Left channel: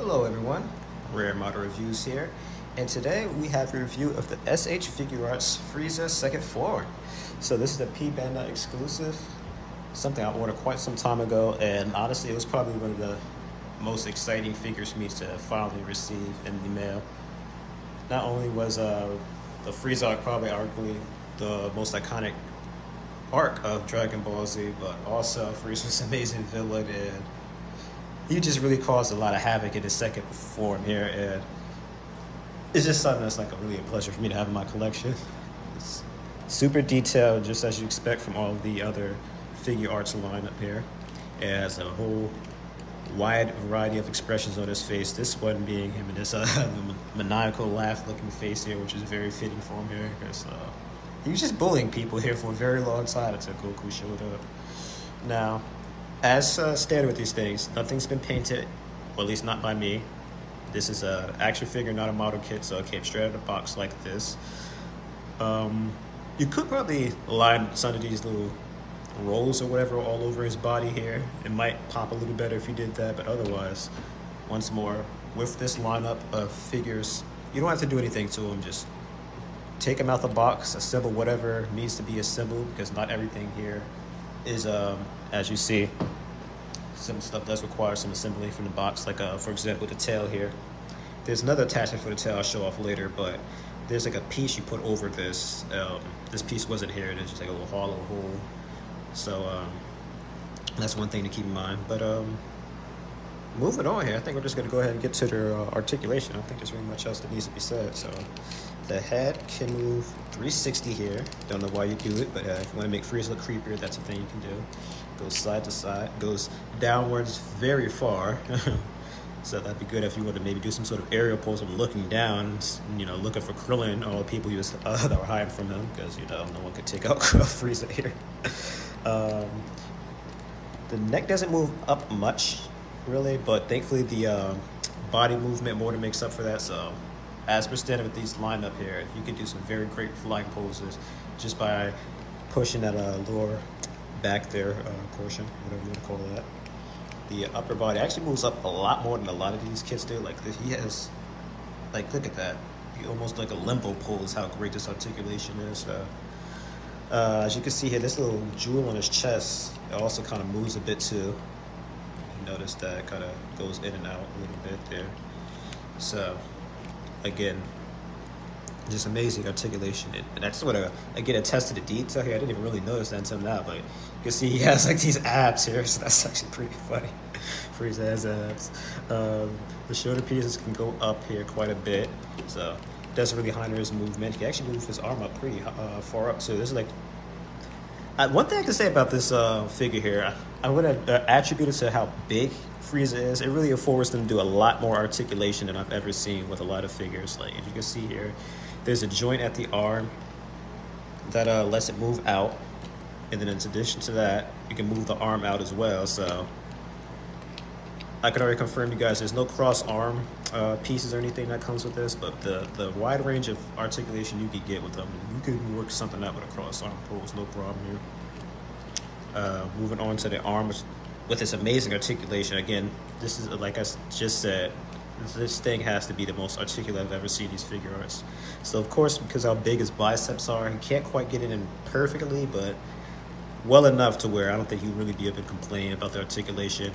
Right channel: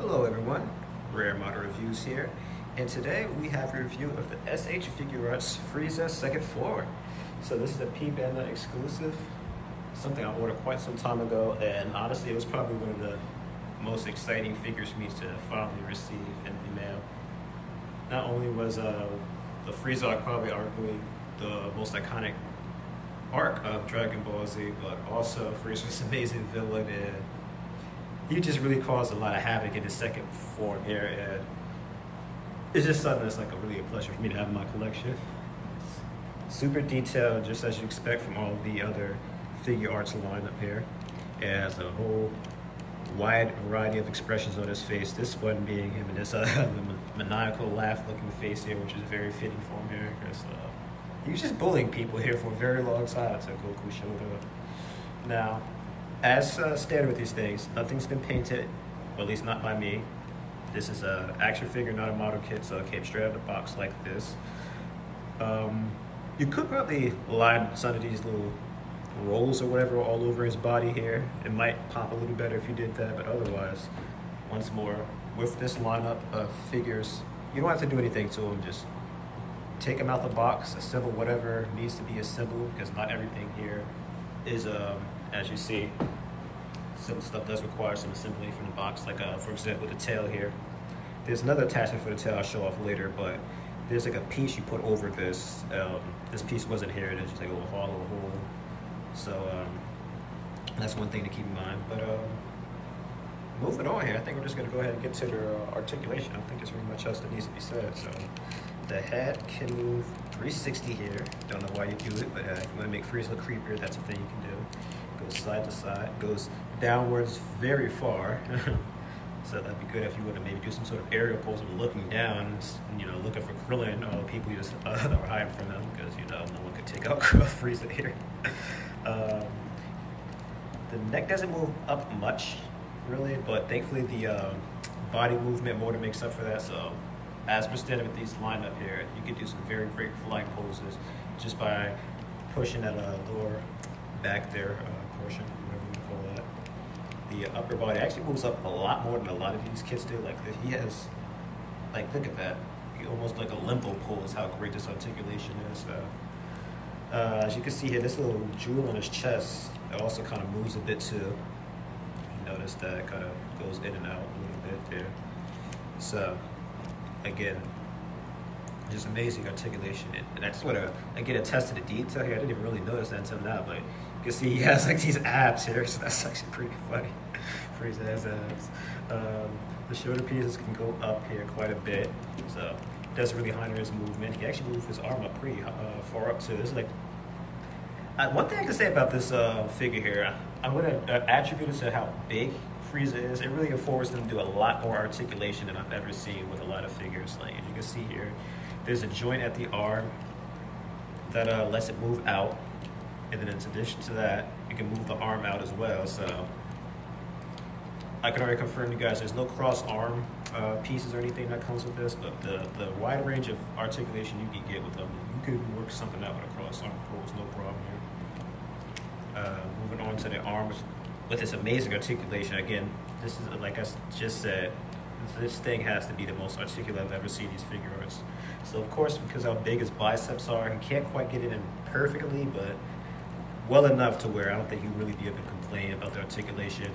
Hello everyone, Rare Model Reviews here, and today we have a review of the SH Figuarts Frieza second floor. So this is a P-Banda exclusive, something I ordered quite some time ago, and honestly it was probably one of the most exciting figures for me to finally receive in the mail. Not only was the Frieza arc probably arguably the most iconic arc of Dragon Ball Z, but also Frieza's amazing villain, and he just really caused a lot of havoc in his second form here, and it's just something that's like a really pleasure for me to have in my collection. It's super detailed, just as you expect from all of the other figure arts lined up here. It has a whole wide variety of expressions on his face, this one being him in this maniacal laugh-looking face here, which is very fitting for him here, because he was just bullying people here for a very long time until Goku showed up. Now, as standard with these things, nothing's been painted, or at least not by me. This is an action figure, not a model kit, so it came straight out of the box like this. You could probably line some of these little rolls or whatever all over his body here. It might pop a little better if you did that, but otherwise, once more, with this lineup of figures, you don't have to do anything to them. Just take them out the box, assemble whatever needs to be assembled, because not everything here is, as you see, some stuff does require some assembling from the box, like for example the tail here. There's another attachment for the tail I'll show off later, but there's like a piece you put over this. This piece wasn't here, it's just like a little hollow hole. So that's one thing to keep in mind. But moving on here, I think we're just gonna go ahead and get to their articulation. I don't think there's really much else that needs to be said. So the head can move 360 here. Don't know why you do it, but if you want to make Frieza look creepier, that's a thing you can do. Goes side to side, goes downwards very far. So that'd be good if you want to maybe do some sort of aerial pose of looking down, you know, looking for Krillin, all the people that were hiding from them, because, you know, no one could take out Frieza here. The neck doesn't move up much, really, but thankfully the body movement more than makes up for that. So as we're standing with these lined up here, you can do some very great flying poses just by pushing that lower back there portion, whatever you call that. The upper body actually moves up a lot more than a lot of these kids do. Like he has, like, look at that. He almost like a limbo pose, how great this articulation is. As you can see here, this little jewel on his chest, it also kind of moves a bit too. You notice that it kind of goes in and out a little bit there. So again, just amazing articulation. And I just want to again attest to the detail here. I didn't even really notice that until now, but you can see he has like these abs here, so that's actually pretty funny. Frieza has abs. The shoulder pieces can go up here quite a bit, so it doesn't really hinder his movement. He can actually move his arm up pretty far up too. This is like one thing I can say about this figure here. I'm going to attribute it to how big Frieza is. It really affords them to do a lot more articulation than I've ever seen with a lot of figures. Like if you can see here, there's a joint at the arm that lets it move out, and then in addition to that, you can move the arm out as well. So I can already confirm you guys, there's no cross arm pieces or anything that comes with this, but the wide range of articulation you can get with them, you can work something out with a cross arm pose, no problem here. Moving on to the arms with this amazing articulation. Again, this is, like I just said, this thing has to be the most articulate I've ever seen these figure arts. So of course, because how big his biceps are, he can't quite get it in perfectly, but well enough to where I don't think he'd really be able to complain about the articulation.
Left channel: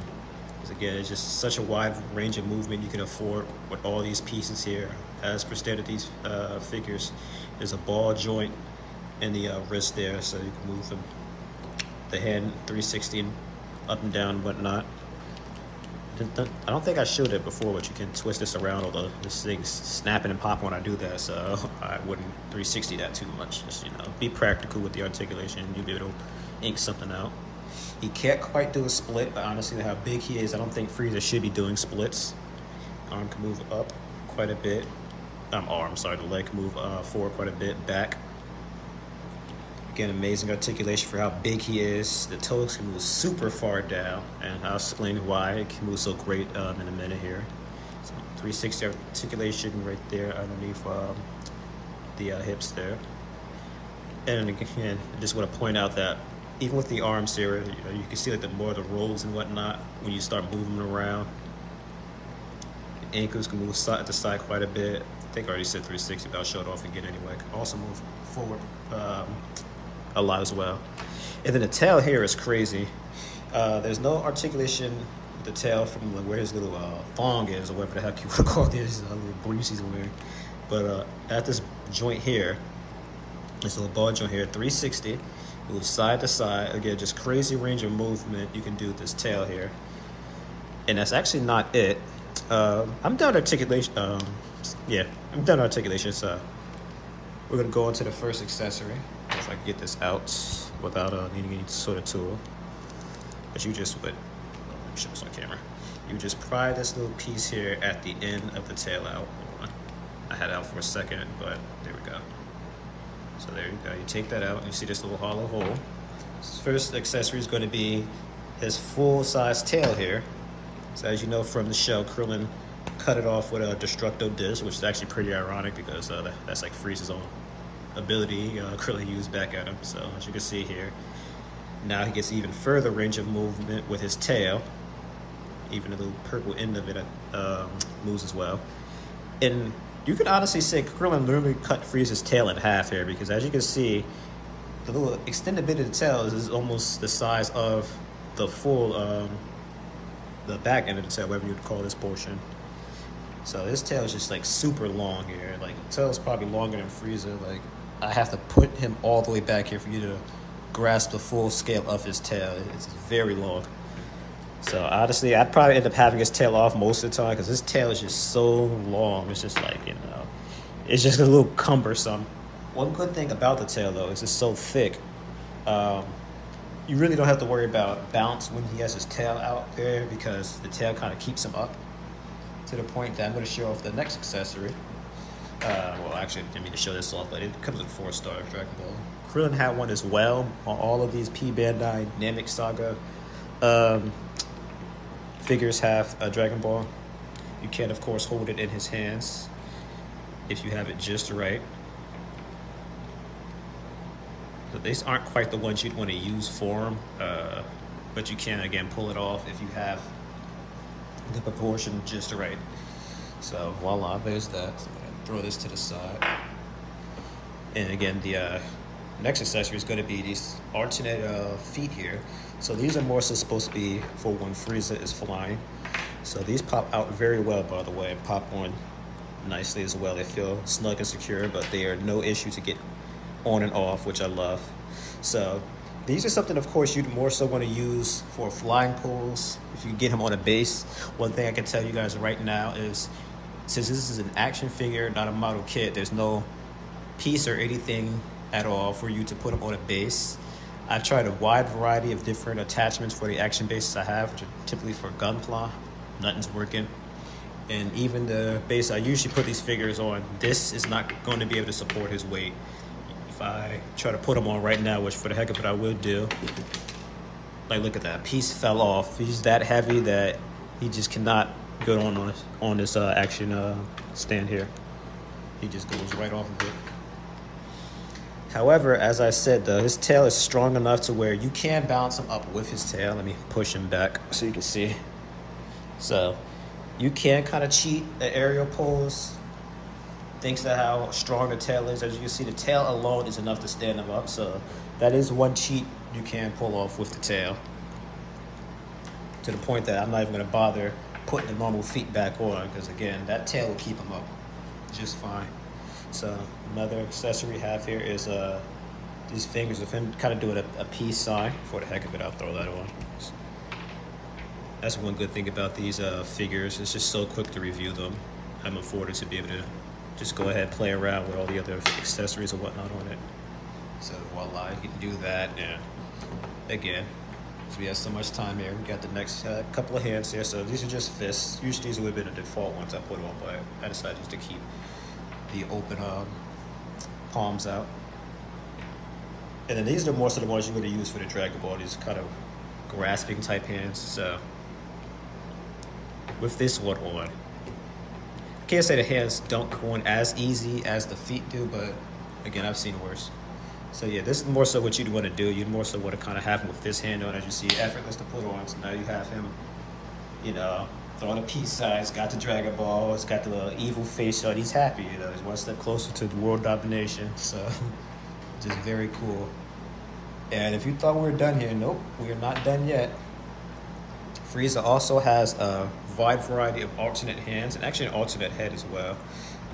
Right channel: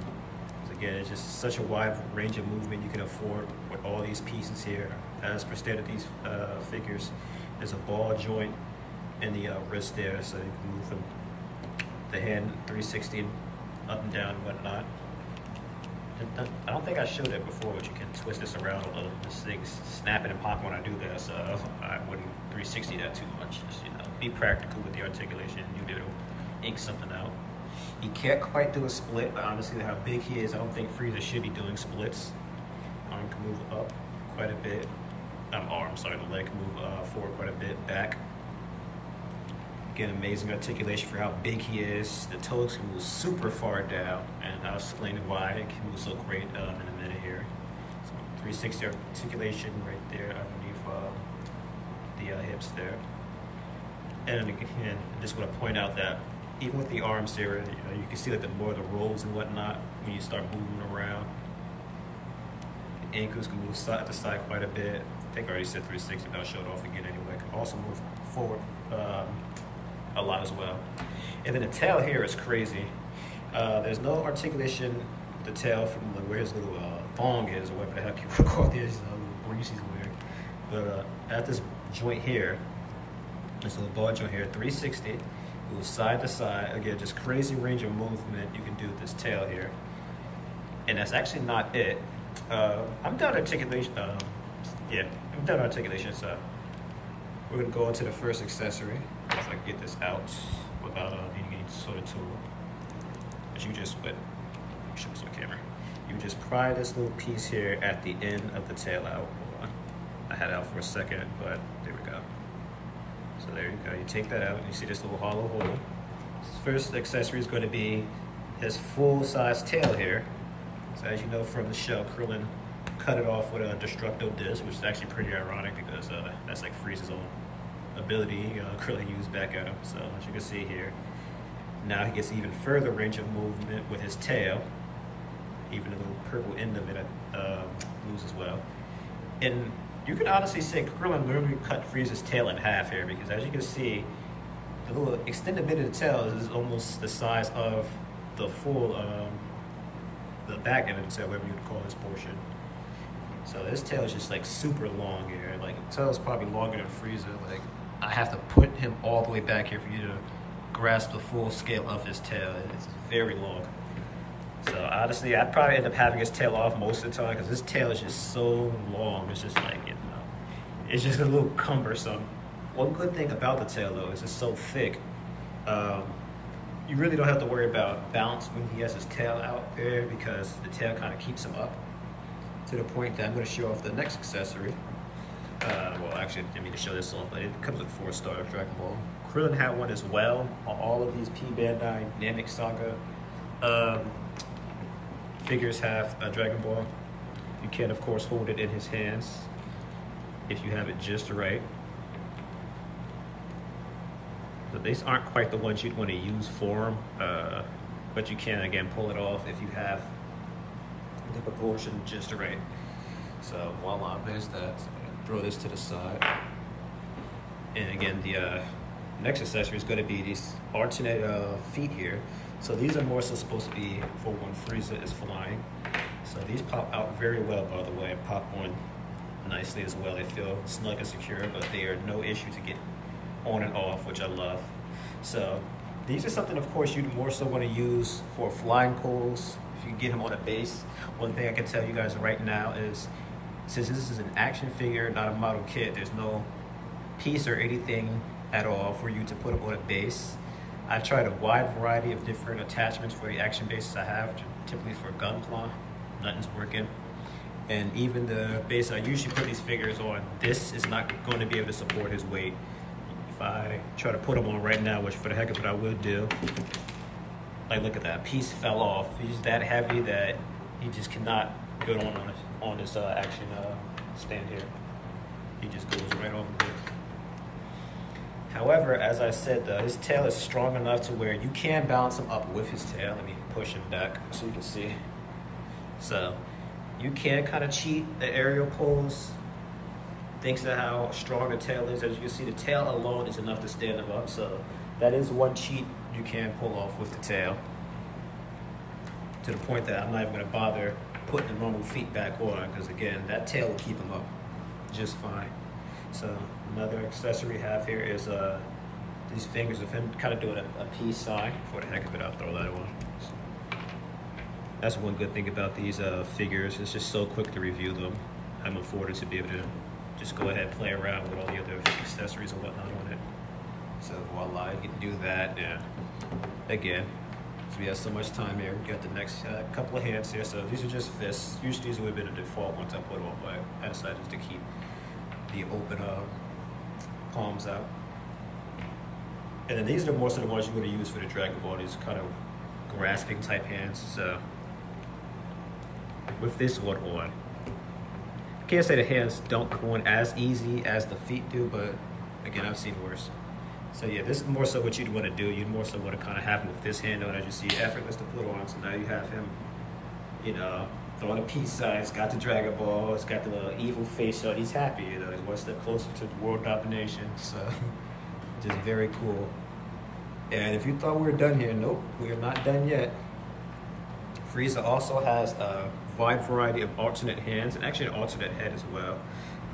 Because again, it's just such a wide range of movement you can afford with all these pieces here. As per standard, these figures, there's a ball joint in the wrist there, so you can move the hand 360 up and down and whatnot. I don't think I showed it before, but you can twist this around, although this thing's snapping and popping when I do that, so I wouldn't 360 that too much. Just, you know, be practical with the articulation. You'll be able to ink something out. He can't quite do a split, but honestly, how big he is, I don't think Frieza should be doing splits. Arm can move up quite a bit. The leg can move forward quite a bit, back. Again, amazing articulation for how big he is. The toes can move super far down, and I'll explain why it can move so great in a minute here. So 360 articulation right there underneath the hips there. And again, I just want to point out that even with the arms here, you can see like the more the rolls and whatnot when you start moving around. ankles can move side to side quite a bit. I think I already said 360, but I'll show it off again anyway. Can also move forward a lot as well. And then the tail here is crazy. There's no articulation with the tail from where his little thong is, or whatever the heck you want to call these little briefs he's wearing. But at this joint here, this little ball joint here, 360, move side to side. Again, just crazy range of movement you can do with this tail here. And that's actually not it. I'm done articulation. Yeah, I'm done articulation. So we're gonna go on to the first accessory. If I can get this out without needing any sort of tool. But you just put, show this on camera. You just pry this little piece here at the end of the tail out. Hold on. I had it out for a second, but there we go. So there you go. You take that out and you see this little hollow hole. This first accessory is going to be his full-size tail here. So as you know from the show, Krillin cut it off with a Destructo Disc, which is actually pretty ironic because that's like Frieza's own ability Krillin used back at him. So as you can see here, now he gets even further range of movement with his tail. Even the little purple end of it moves as well. And you could honestly say Krillin literally cut Frieza's tail in half here, because as you can see, the little extended bit of the tail is almost the size of the full, the back end of the tail, whatever you'd call this portion. So his tail is just like super long here. Like, the tail is probably longer than Frieza. Like, I have to put him all the way back here for you to grasp the full scale of his tail. It's very long. So honestly, I'd probably end up having his tail off most of the time because his tail is just so long. It's just like, you know, it's just a little cumbersome. One good thing about the tail though is it's so thick. You really don't have to worry about bounce when he has his tail out there, because the tail kind of keeps him up to the point that I'm going to show off the next accessory. Well, actually, I didn't mean to show this off, but it comes with 4-star Dragon Ball. Krillin had one as well on all of these P Bandai Namek Saga figures have a Dragon Ball. You can, of course, hold it in his hands if you have it just right. So these aren't quite the ones you'd want to use for him, but you can, again, pull it off if you have the proportion just right. So voila, there's that. So I'm gonna throw this to the side. And again, the next accessory is going to be these alternate feet here. So these are more so supposed to be for when Frieza is flying. So these pop out very well, by the way, and pop on nicely as well. They feel snug and secure, but they are no issue to get on and off, which I love. So these are something, of course, you'd more so want to use for flying pulls if you get him on a base. One thing I can tell you guys right now is, since this is an action figure, not a model kit, there's no piece or anything at all for you to put him on a base. I've tried a wide variety of different attachments for the action bases I have, which are typically for Gunpla. Nothing's working. And even the base I usually put these figures on, this is not going to be able to support his weight. If I try to put him on right now, which for the heck of it I will do, like, look at that, piece fell off. He's that heavy that he just cannot go on this action stand here. He just goes right off of it. However, as I said though, his tail is strong enough to where you can balance him up with his tail. Let me push him back so you can see. So you can kind of cheat at aerial pulls, thanks to how strong the tail is. As you can see, the tail alone is enough to stand him up. So that is one cheat you can pull off with the tail, to the point that I'm not even gonna bother putting the normal feet back on, because again, that tail will keep him up just fine. So another accessory we have here is these fingers of him kind of doing a peace sign. For the heck of it, I'll throw that on. That's one good thing about these figures. It's just so quick to review them. I'm afforded to be able to just go ahead and play around with all the other accessories and whatnot on it. So voila, you can do that. And again, so we have so much time here. We got the next couple of hands here. So these are just fists. Usually these would have been the default ones I put on, but I decided just to keep the open palms out. And then these are more so the ones you're going to use for the Dragon Ball. These kind of grasping type hands. So with this one on, I can't say the hands don't go on as easy as the feet do, but again, I've seen worse. So yeah, this is more so what you'd want to do. You'd more so want to kind of have him with this hand on, as you see, effortless to put on. So now you have him, you know, Throw the peace signs, got the Dragon Balls, got the little evil face on. He's happy, you know, he's one step closer to the world domination. So, just very cool. And if you thought we were done here, nope, we are not done yet. Frieza also has a wide variety of alternate hands and actually an alternate head as well.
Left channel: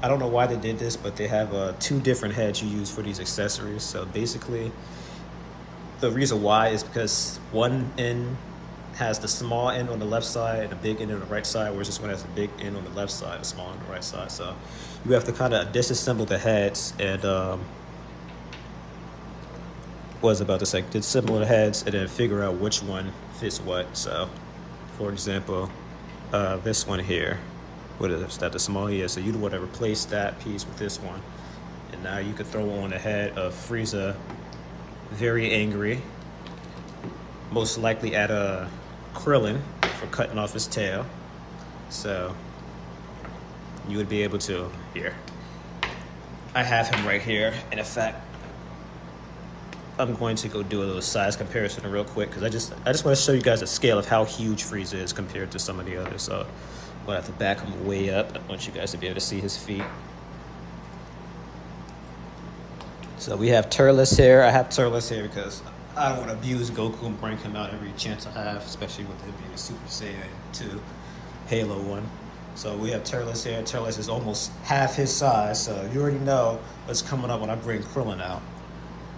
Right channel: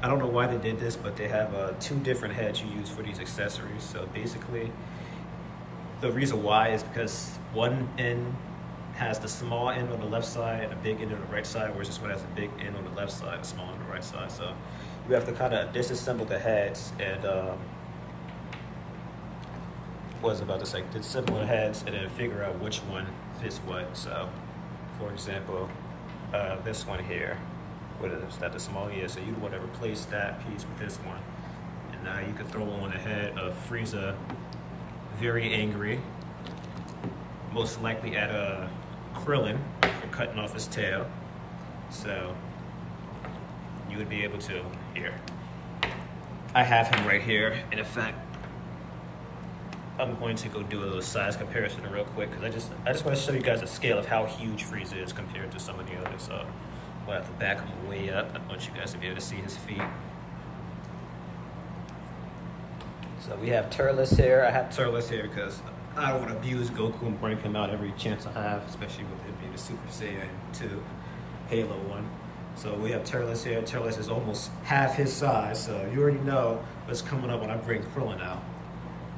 I don't know why they did this, but they have 2 different heads you use for these accessories. So basically, the reason why is because one end has the small end on the left side and a big end on the right side, whereas this one has a big end on the left side and small on the right side. So you have to kind of disassemble the heads and disassemble the heads and then figure out which one fits what. So for example, this one here, what is that, the small here? So you want to replace that piece with this one. And now you can throw on the head of Frieza, very angry, most likely at a Krillin for cutting off his tail. So you would be able to, here, I have him right here. And in fact, I'm going to go do a little size comparison real quick because I just want to show you guys the scale of how huge Frieza is compared to some of the others. So I'm gonna have to back him way up. I want you guys to be able to see his feet. So we have Turles here. I have Turles here because I don't want to abuse Goku and bring him out every chance I have, especially with him being Super Saiyan 2 Halo 1. So we have Turles here. Turles is almost half his size, so you already know what's coming up when I bring Krillin out.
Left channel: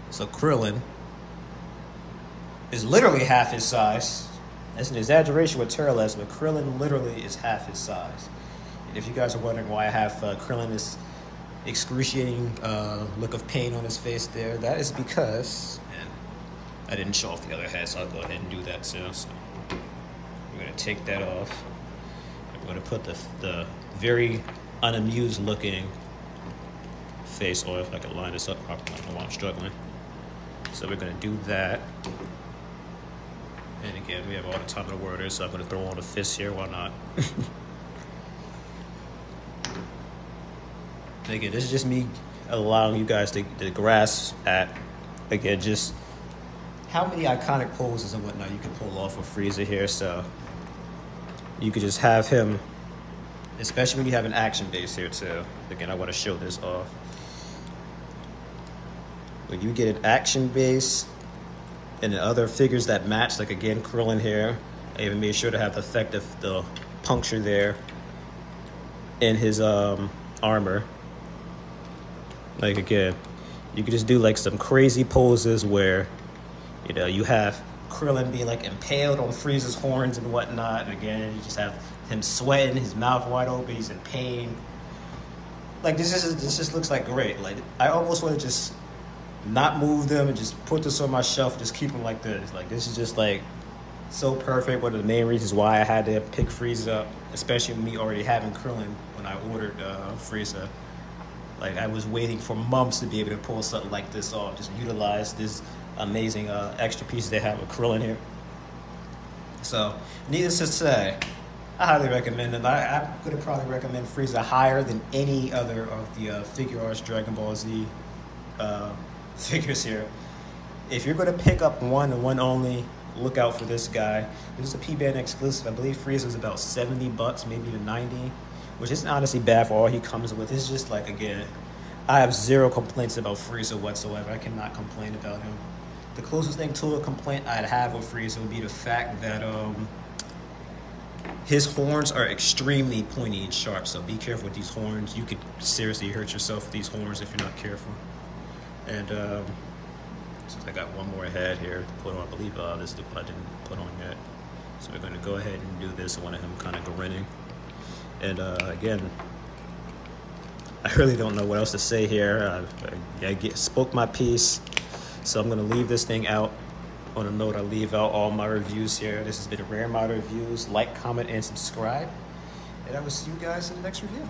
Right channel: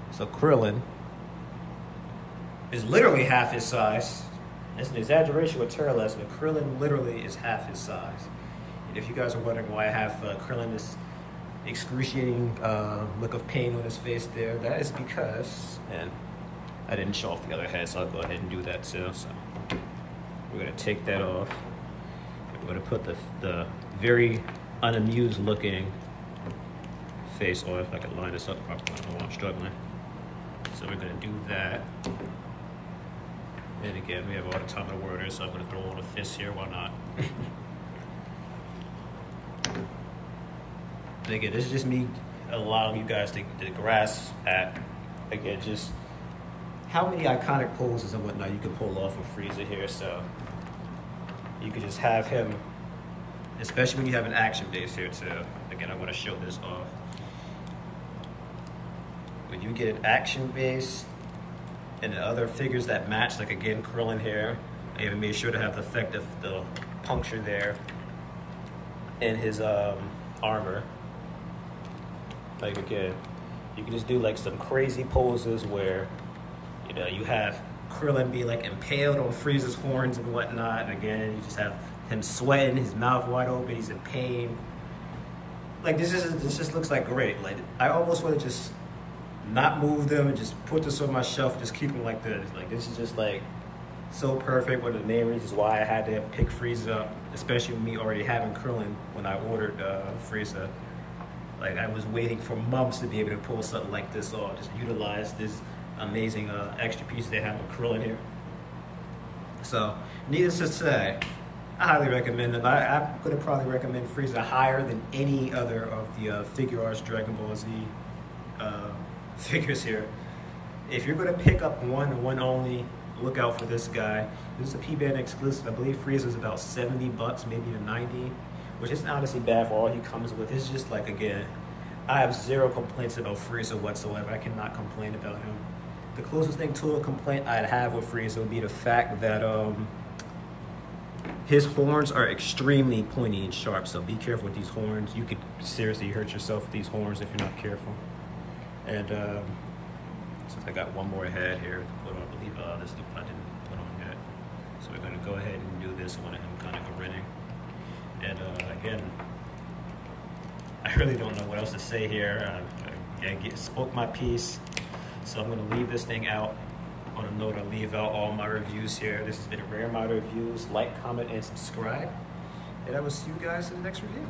So Krillin is literally half his size. That's an exaggeration with Turles, but Krillin literally is half his size. And if you guys are wondering why I have Krillin this excruciating look of pain on his face there, that is because, and I didn't show off the other head, so I'll go ahead and do that too. So we're gonna take that off. We're gonna put the very unamused looking face on, if I can line this up properly. I don't know why I'm struggling. So we're gonna do that. And again, we have all the time in the world, so I'm gonna throw on the fist here, why not? And again, this is just me allowing you guys to grasp at, again, just how many iconic poses and whatnot you can pull off of Frieza here. So you could just have him, especially when you have an action base here too. Again, I want to show this off. When you get an action base and the other figures that match, like again, Krillin here, I even made sure to have the effect of the puncture there in his armor. Like again, you could just do like some crazy poses where, you know, you have Krillin being like impaled on Frieza's horns and whatnot. And again, you just have him sweating, his mouth wide open, he's in pain. Like this just looks like great. Like I almost want to just not move them and just put this on my shelf, just keep them like this. Like this is just like so perfect. One of the main reasons why I had to pick Frieza up, especially with me already having Krillin when I ordered Frieza. Like I was waiting for months to be able to pull something like this off, just utilize this amazing extra piece they have with Krillin here. So needless to say, I highly recommend it. I'm gonna probably recommend Frieza higher than any other of the figuarts Dragon Ball Z figures here. If you're gonna pick up one and one only, look out for this guy. This is a P-Band exclusive. I believe Frieza is about 70 bucks, maybe to 90, which isn't honestly bad for all he comes with. It's just like, again, I have zero complaints about Frieza whatsoever. I cannot complain about him. The closest thing to a complaint I'd have with Frieza would be the fact that his horns are extremely pointy and sharp, so be careful with these horns. You could seriously hurt yourself with these horns if you're not careful. And since I got one more head here to put on, I believe this is the one I didn't put on yet. So we're gonna go ahead and do this one of him kind of grinning. And again, I really don't know what else to say here. I spoke my piece, so I'm gonna leave this thing out. On a note, I leave out all my reviews here. This has been a rare amount of reviews. Like, comment, and subscribe. And I will see you guys in the next review.